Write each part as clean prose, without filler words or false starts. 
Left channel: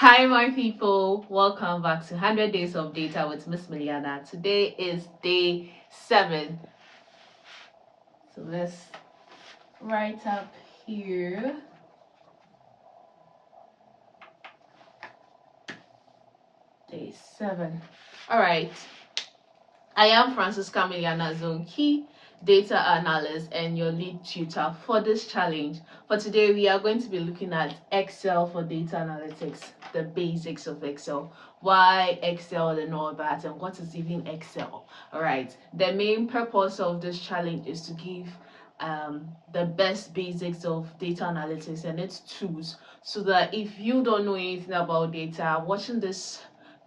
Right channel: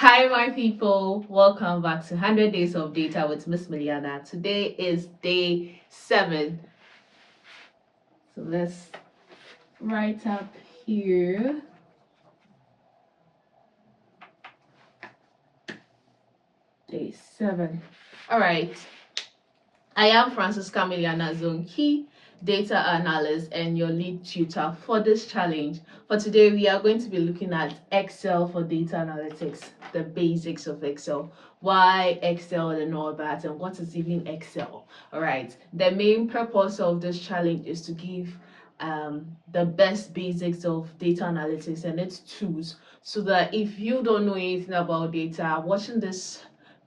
Hi, my people. Welcome back to 100 Days of Data with Miss Mailiana. Today is day 7. So let's write up here. Day 7. All right. I am Francisca Mailiana Zonki, data analyst and your lead tutor for this challenge. For today, we are going to be looking at Excel for data analytics, the basics of Excel, why Excel and all that, and what is even Excel. All right. The main purpose of this challenge is to give the best basics of data analytics and its tools, so that if you don't know anything about data, watching this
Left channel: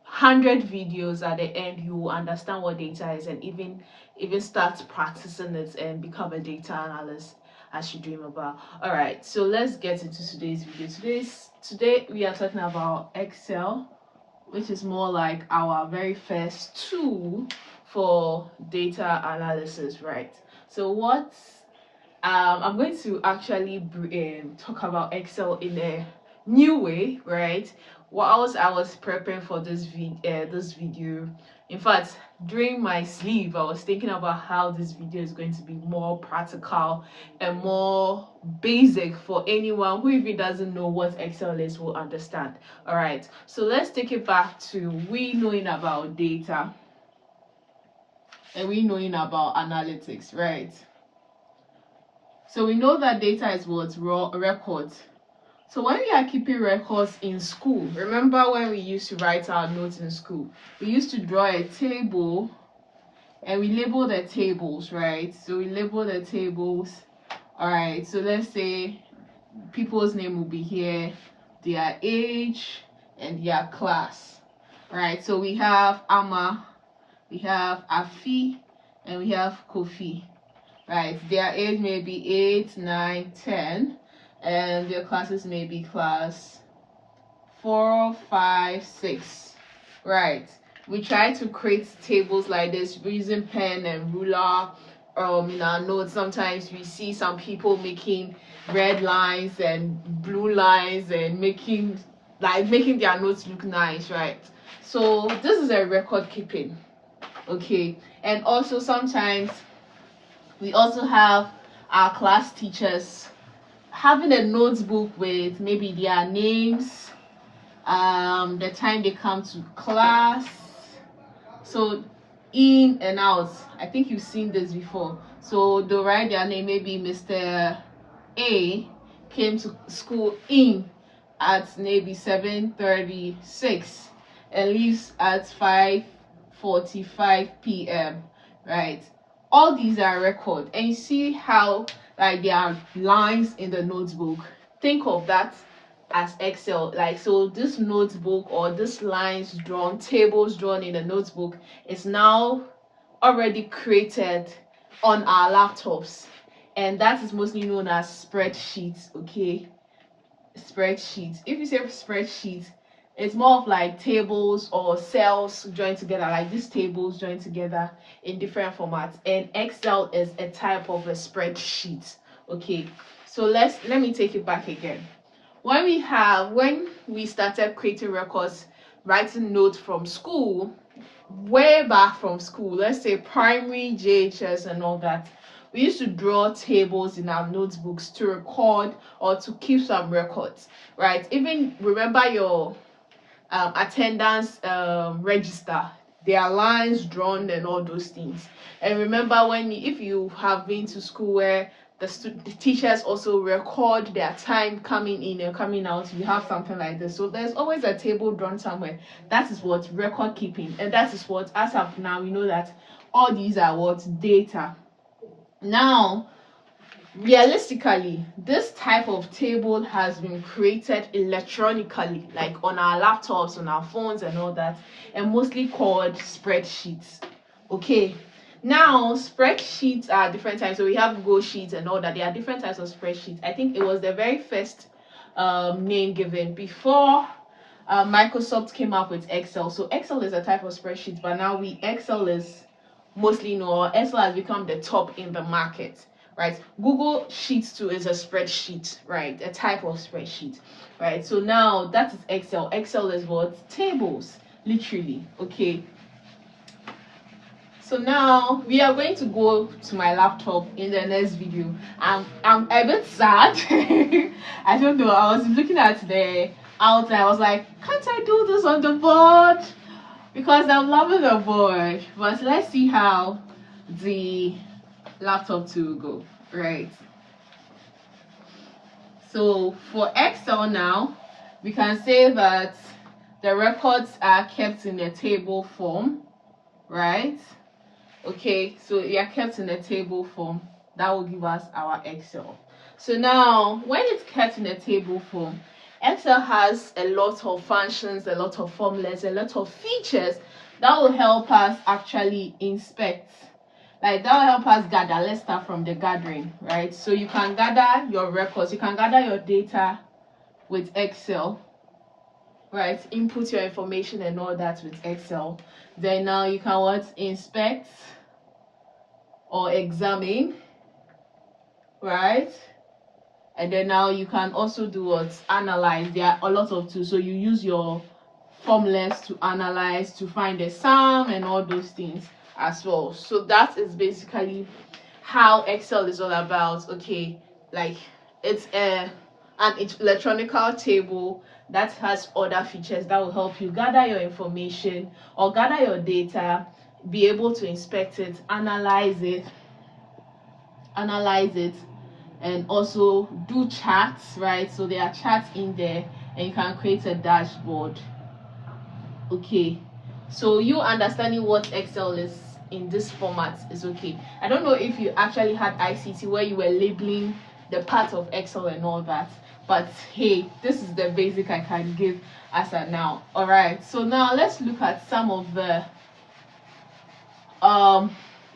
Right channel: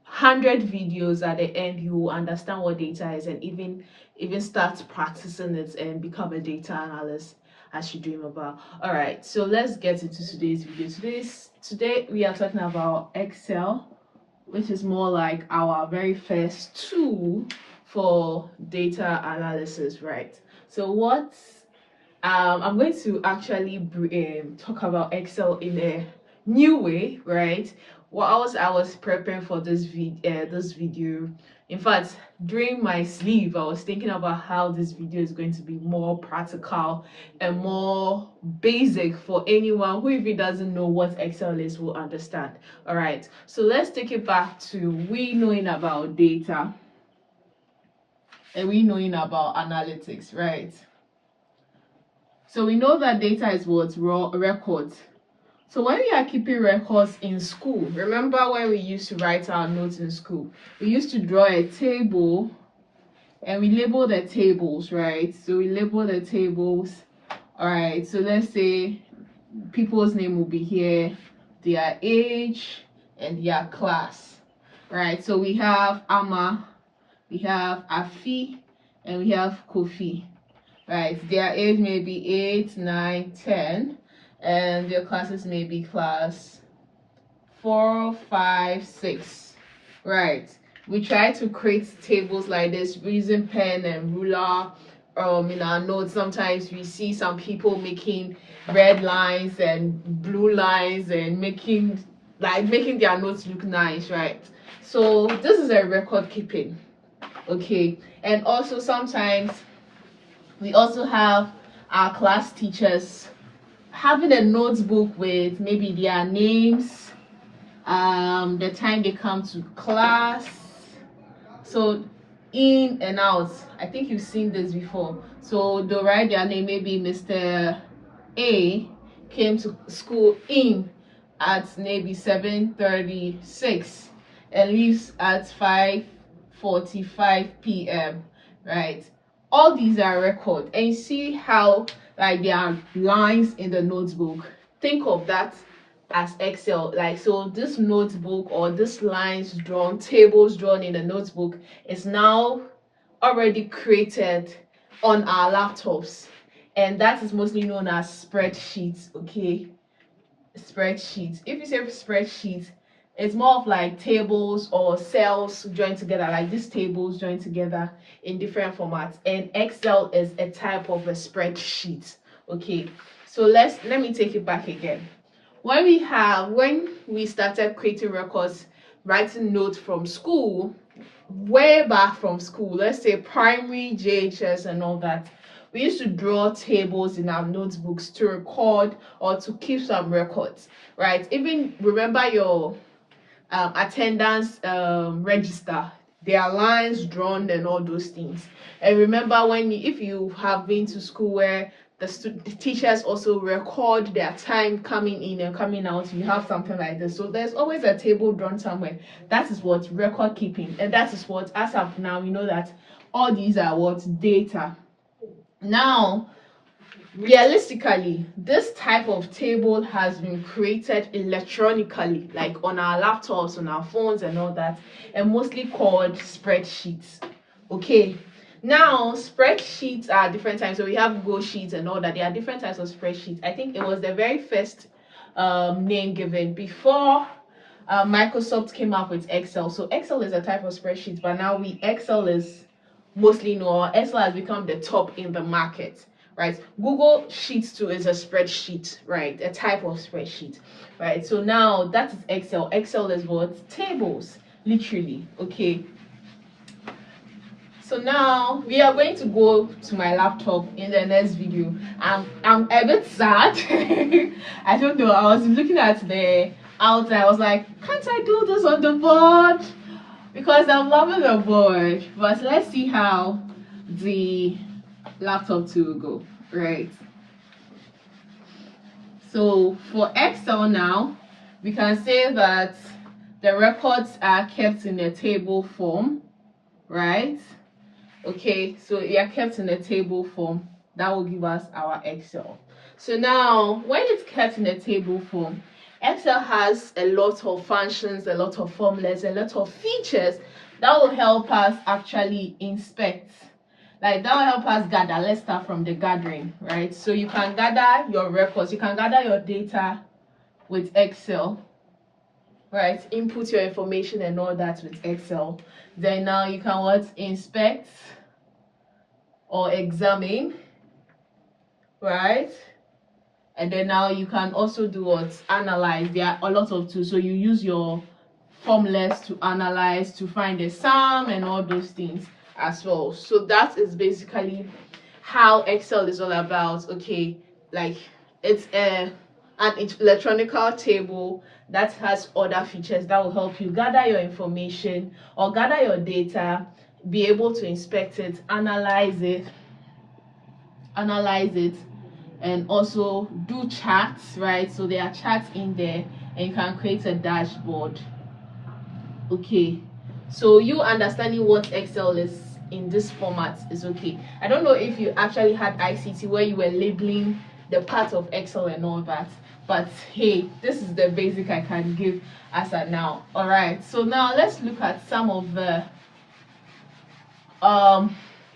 100 videos at the end, you will understand what data is and even start practicing it and become a data analyst as you dream about. All right, so let's get into today's video. Today we are talking about Excel, which is more like our very first tool for data analysis, right? So I'm going to actually talk about Excel in a new way, right? Whilst I was preparing for this video, in fact, during my sleep, I was thinking about how this video is going to be more practical and more basic for anyone who even doesn't know what Excel is will understand. All right, so let's take it back to we knowing about data and we knowing about analytics, right? So we know that data is what? Raw records. So when we are keeping records in school, remember when we used to write our notes in school, we used to draw a table and we label the tables, right? So we label the tables. All right, so let's say people's name will be here, their age and their class, right? So we have Ama, we have Afi, and we have Kofi. Right, their age may be 8, 9, 10, and their classes may be class 4, 5, 6. Right, we try to create tables like this using pen and ruler. In our notes, sometimes we see some people making red lines and blue lines and making their notes look nice, right? So this is a record keeping, okay? And also sometimes we also have our class teachers having a notebook with maybe their names, the time they come to class, so in and out. I think you've seen this before. So they'll write their name, maybe Mr. A came to school in at maybe 7:36 and leaves at 5:45 p.m. right? All these are record, and you see how like there are lines in the notebook. Think of that as Excel. Like, so this notebook or this lines drawn, tables drawn in the notebook is now already created on our laptops, and that is mostly known as spreadsheets. Okay, spreadsheets. If you say spreadsheet, it's more of like tables or cells joined together, like these tables joined together in different formats, and Excel is a type of a spreadsheet. Okay, so let me take it back again. When we started creating records, writing notes from school, way back from school, let's say primary, JHS and all that, we used to draw tables in our notebooks to record or to keep some records, right? Even remember your attendance register, there are lines drawn and all those things. And remember if you have been to school where the teachers also record their time coming in and coming out, you have something like this. So there's always a table drawn somewhere. That is what record keeping, and that is what, as of now, we know that all these are what? Data. Now, realistically, this type of table has been created electronically, like on our laptops, on our phones and all that, and mostly called spreadsheets. Okay, now spreadsheets are different types. So we have Google Sheets and all that. There are different types of spreadsheets. I think it was the very first name given before Microsoft came up with Excel. So Excel is a type of spreadsheet, but now Excel is mostly known, or Excel has become the top in the market, right? Google Sheets too is a spreadsheet, right? A type of spreadsheet, right? So now that is Excel. Excel is what? Tables, literally. Okay. So now we are going to go to my laptop in the next video. I'm a bit sad. I don't know. I was looking at the outline. I was like, can't I do this on the board? Because I'm loving the board. But let's see how the laptop too will go. Right. So for Excel now, we can say that the records are kept in a table form, right? Okay, so they are kept in a table form. That will give us our Excel. So now, when it's kept in a table form, Excel has a lot of functions, a lot of formulas, a lot of features that will help us actually inspect. Like that will help us gather. Let's start from the gathering, right? So you can gather your records, you can gather your data with Excel, right? Input your information and all that with Excel. Then now you can what? Inspect or examine, right? And then now you can also do what? Analyze. There are a lot of tools. So you use your formulas to analyze, to find the sum and all those things as well. So that is basically how Excel is all about. Okay, like it's an electronic table that has other features that will help you gather your information or gather your data, be able to inspect it, analyze it, and also do charts, right? So there are charts in there and you can create a dashboard. Okay, so you understanding what Excel is in this format is okay. I don't know if you actually had ICT where you were labeling the part of Excel and all that, but hey, this is the basic I can give as at now. All right, so now let's look at some of the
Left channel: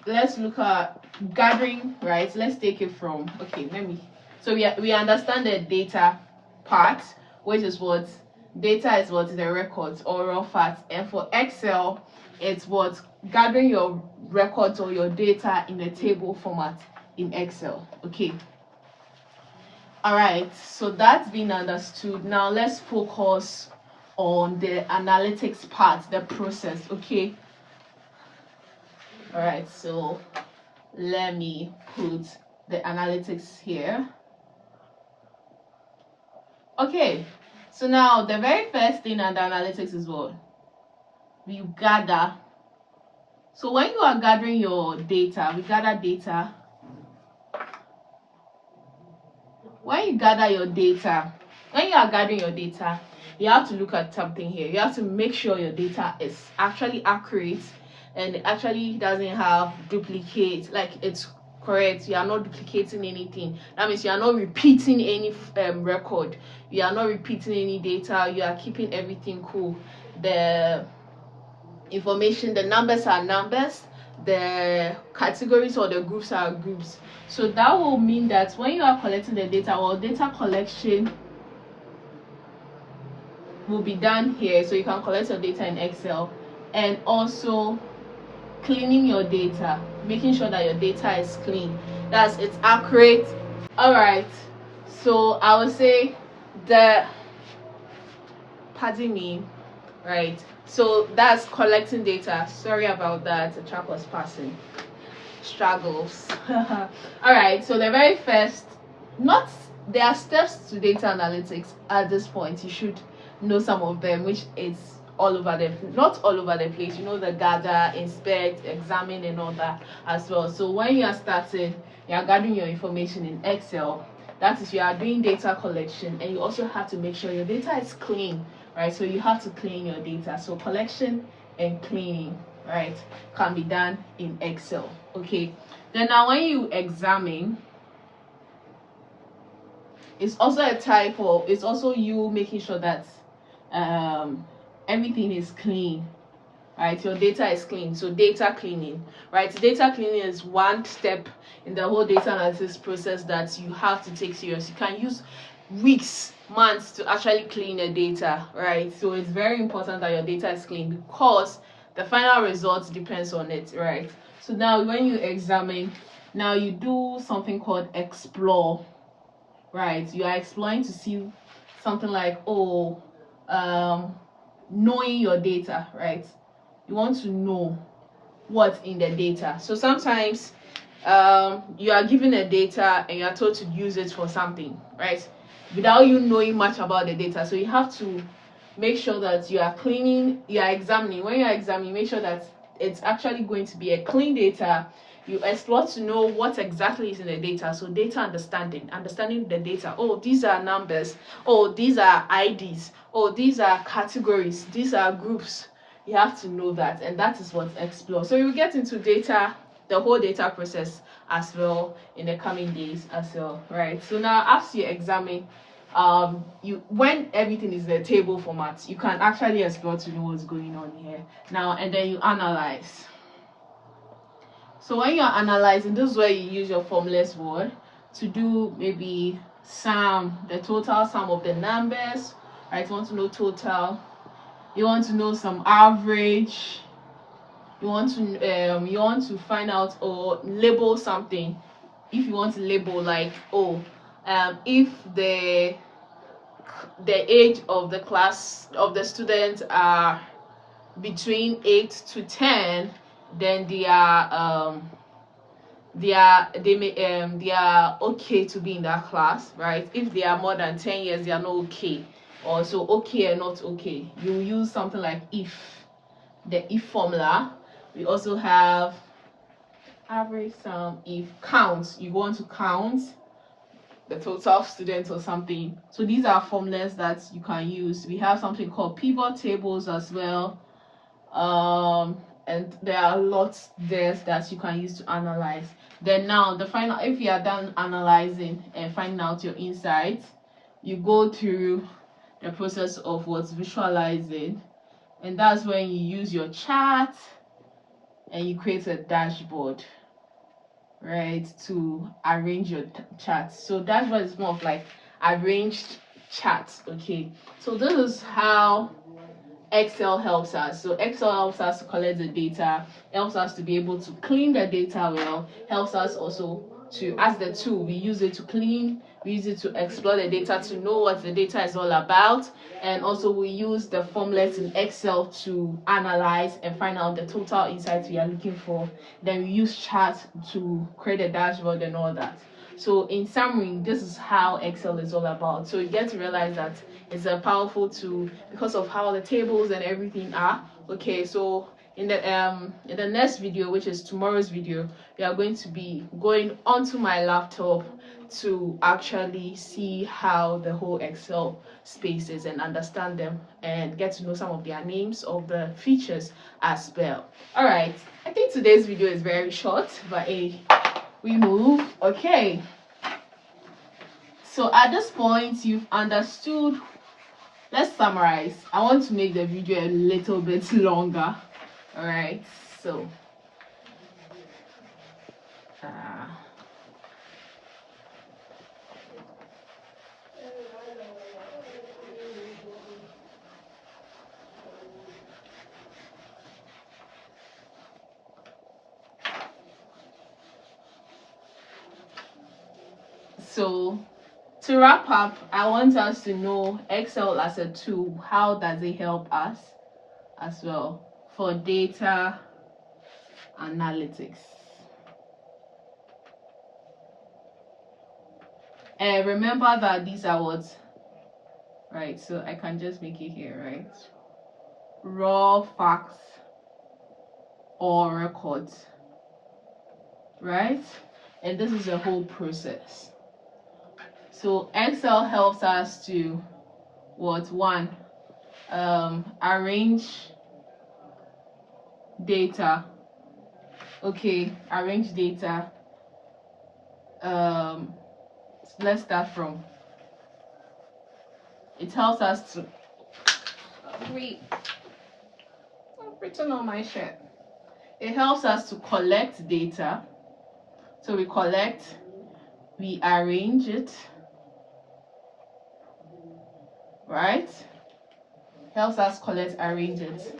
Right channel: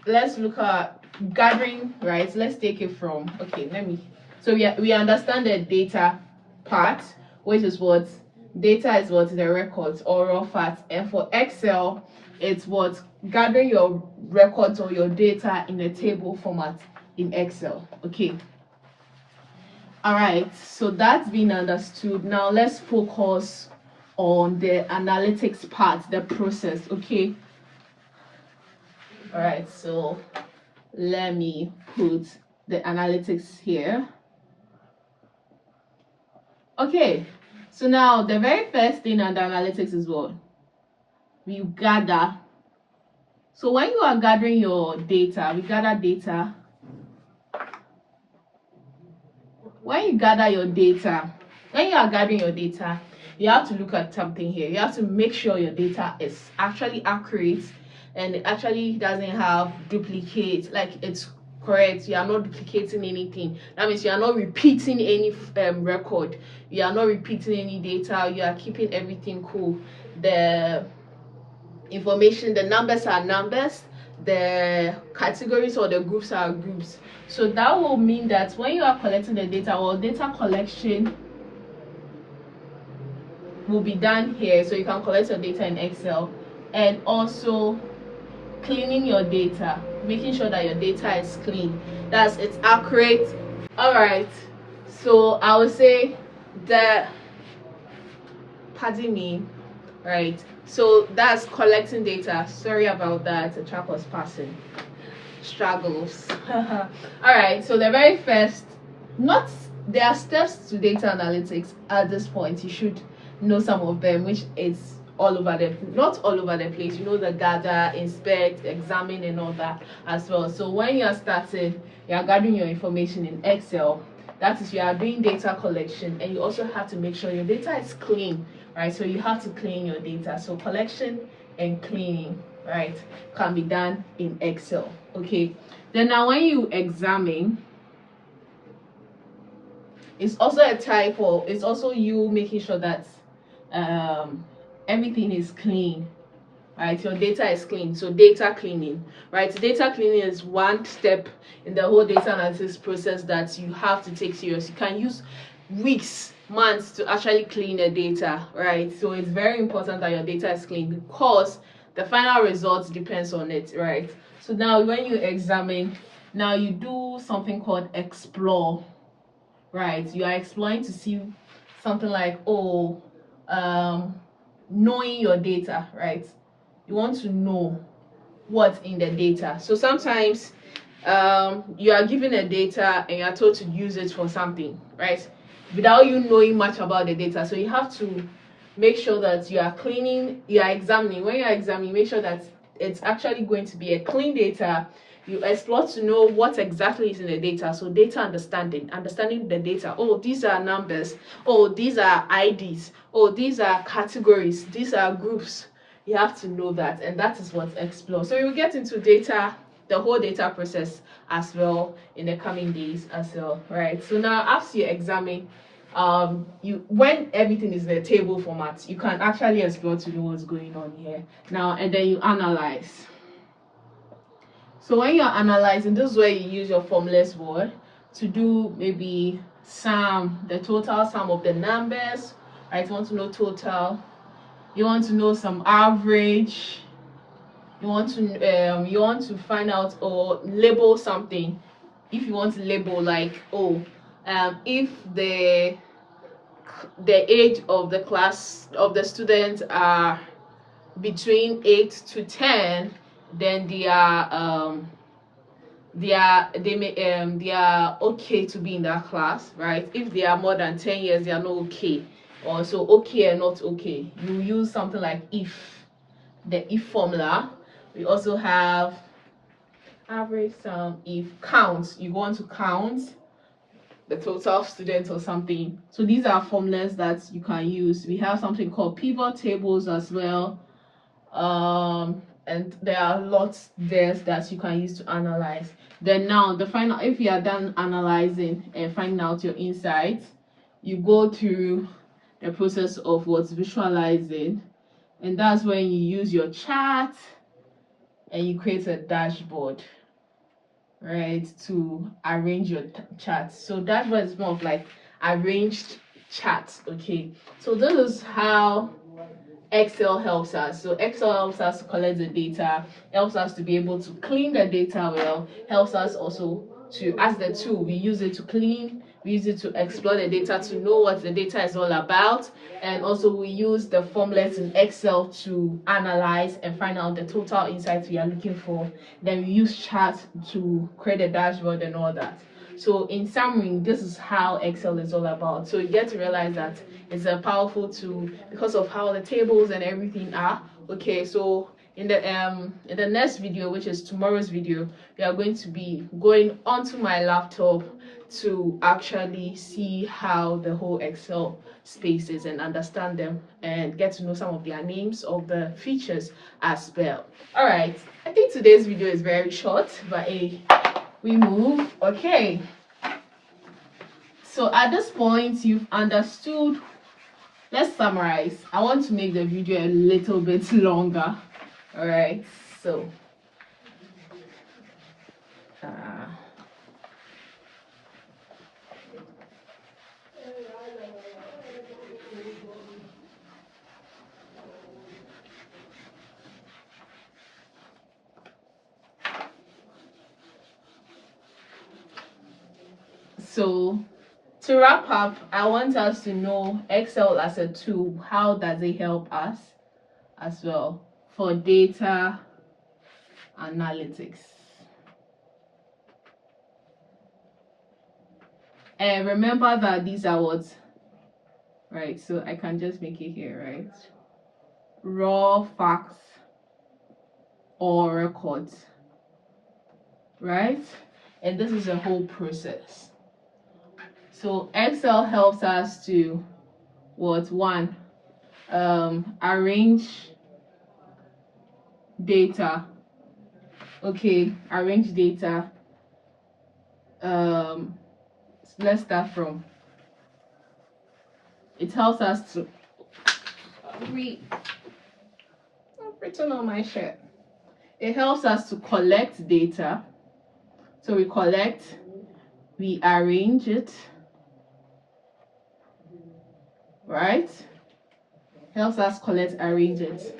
let's look at gathering, right? Let's take it from, okay, so we understand the data part, which is what data is, what the records or raw facts, and for Excel it's what gathering your records or your data in a table format in Excel. Okay, all right, so that's been understood. Now let's focus on the analytics part, the process. Okay, all right, so let me put the analytics here. Okay, so now the very first thing under analytics is what? We gather. So when you are gathering your data, we gather data. When you gather your data, when you are gathering your data, you have to look at something here. You have to make sure your data is actually accurate and it actually doesn't have duplicate, like it's correct. You are not duplicating anything. That means you are not repeating any record. You are not repeating any data. You are keeping everything cool. The information, the numbers are numbers, the categories or the groups are groups. So that will mean that when you are collecting the data, or data collection will be done here. So you can collect your data in Excel, and also cleaning your data, making sure that your data is clean, that's it's accurate. All right, so I would say pardon me, right? So that's collecting data. Sorry about that, a truck was passing. Struggles. All right, so the very first, there are steps to data analytics at this point. You should know some of them, which is not all over the place. You know, the gather, inspect, examine and all that as well. So when you are starting, you are gathering your information in Excel. That is, you are doing data collection, and you also have to make sure your data is clean, right? So you have to clean your data. So collection and cleaning, right, can be done in Excel. Okay, then now when you examine, it's also a type of, it's also you making sure that everything is clean, right? Your data is clean. So data cleaning, right? Data cleaning is one step in the whole data analysis process that you have to take serious. You can use weeks, months to actually clean the data, right? So it's very important that your data is clean, because the final results depends on it, right? So now when you examine, Now you do something called explore, right? You are exploring to see something like, oh, knowing your data, right? You want to know what's in the data. So sometimes you are given a data and you are told to use it for something, right? Without you knowing much about the data. So you have to make sure that you are cleaning, you are examining. When you are examining, make sure that it's actually going to be a clean data. You explore to know what exactly is in the data. So data understanding the data. Oh, these are numbers. Oh, these are IDs. Oh, these are categories. These are groups. You have to know that, and that is what explore. So you will get into data, the whole data process as well in the coming days as well, right? So now after you examine, you when everything is in a table format, you can actually explore to know what's going on here now, and then you analyze. So when you're analyzing, this is where you use your formless word to do maybe the total sum of the numbers, right? You want to know total, you want to know some average, you want to find out or label something. If you want to label, like, oh, if the age of the class of the students are between 8 to 10, then they are okay to be in that class, right? If they are more than 10 years, they are not okay. Or so okay and not okay, you use something like the if formula. We also have average sum. If count, you want to count the total students or something. So these are formulas that you can use. We have something called pivot tables as well, and there are lots there that you can use to analyze. Then now the final, if you are done analyzing and finding out your insights, you go through the process of what's visualizing, and that's when you use your chart and you create a dashboard, right, to arrange your charts. So dashboard is more of like arranged charts. Okay, so this is how Excel helps us. So Excel helps us to collect the data, helps us to be able to clean the data well, helps us also to, as the tool, we use it to clean, we use it to explore the data, to know what the data is all about, and also we use the formulas in Excel to analyze and find out the total insights we are looking for. Then we use charts to create a dashboard and all that. So in summary, this is how Excel is all about. So you get to realize that it's a powerful tool because of how the tables and everything are. Okay, so in the next video, which is tomorrow's video, we are going to be going onto my laptop to actually see how the whole Excel space is and understand them and get to know some of their names of the features as well. All right, I think today's video is very short, but we move. Okay, so at this point you've understood. Let's summarize. I want to make the video a little bit longer. All right, so to wrap up, I want us to know Excel as a tool. How does it help us as well for data analytics? And remember that these are what, right? So I can just make it here, right? Raw facts or records, right? And this is a whole process. So Excel helps us to arrange data. Okay, arrange data. Let's start from. It helps us to I'm written on my shirt. It helps us to collect data. So we collect, we arrange it, right? Helps us collect, arrange it.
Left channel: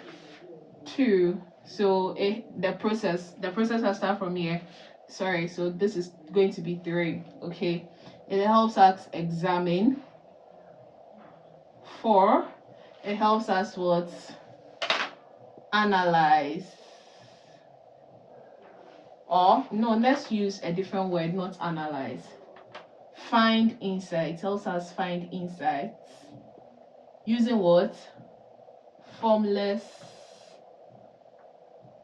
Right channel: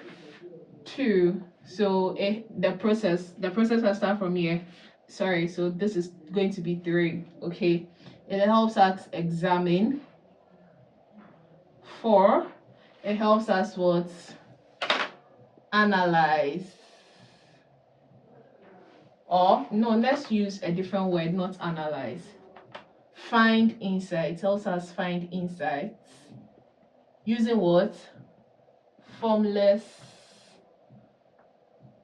Two, so the process has start from here. sorry, so this is going to be 3. Okay, it helps us examine. 4, it helps us what? Analyze. Or no, let's use a different word, not analyze. Find insight. It helps us find insights using what? Formulas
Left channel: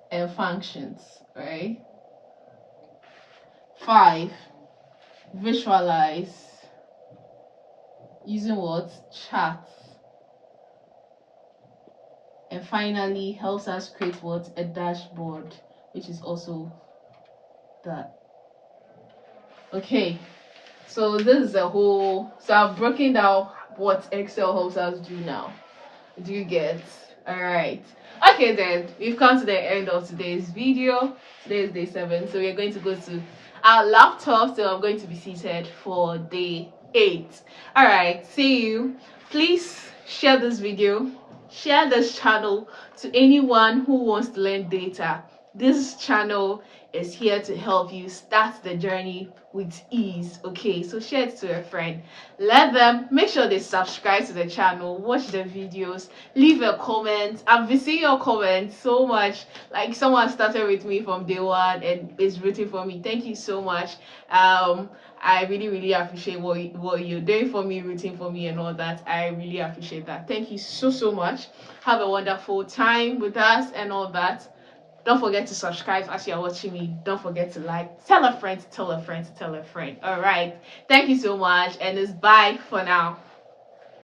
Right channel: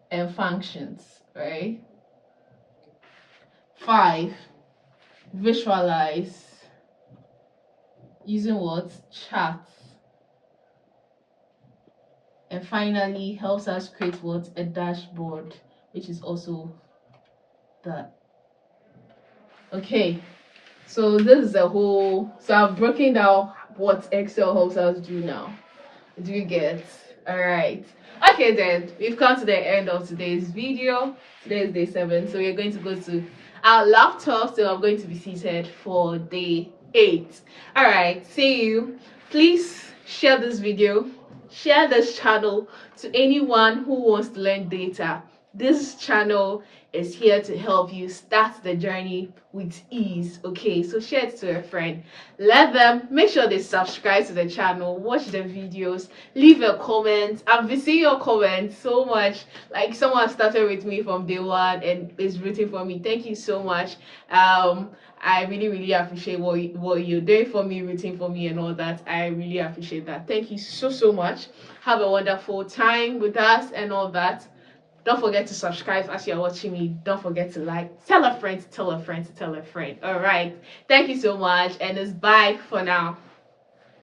and functions, right? 5, visualize using what? Charts. And finally, helps us create what? A dashboard, which is also that. Okay, so this is a whole, so I've broken down what Excel helps us do now. Do you get? All right. Okay, then we've come to the end of today's video. Today is day 7, so we're going to go to our laptop. So I'm going to be seated for day 8. All right. See you. Please share this video, share this channel to anyone who wants to learn data. This channel is here to help you start the journey with ease. Okay, so share it to a friend. Let them make sure they subscribe to the channel, watch the videos, leave a comment. I've been seeing your comments so much. Like, someone started with me from day 1 and is rooting for me. Thank you so much. I really appreciate what you're doing for me, rooting for me and all that. I really appreciate that. Thank you so much. Have a wonderful time with us and all that. Don't forget to subscribe as you're watching me. Don't forget to like. Tell a friend to tell a friend to tell a friend. All right. Thank you so much. And it's bye for now.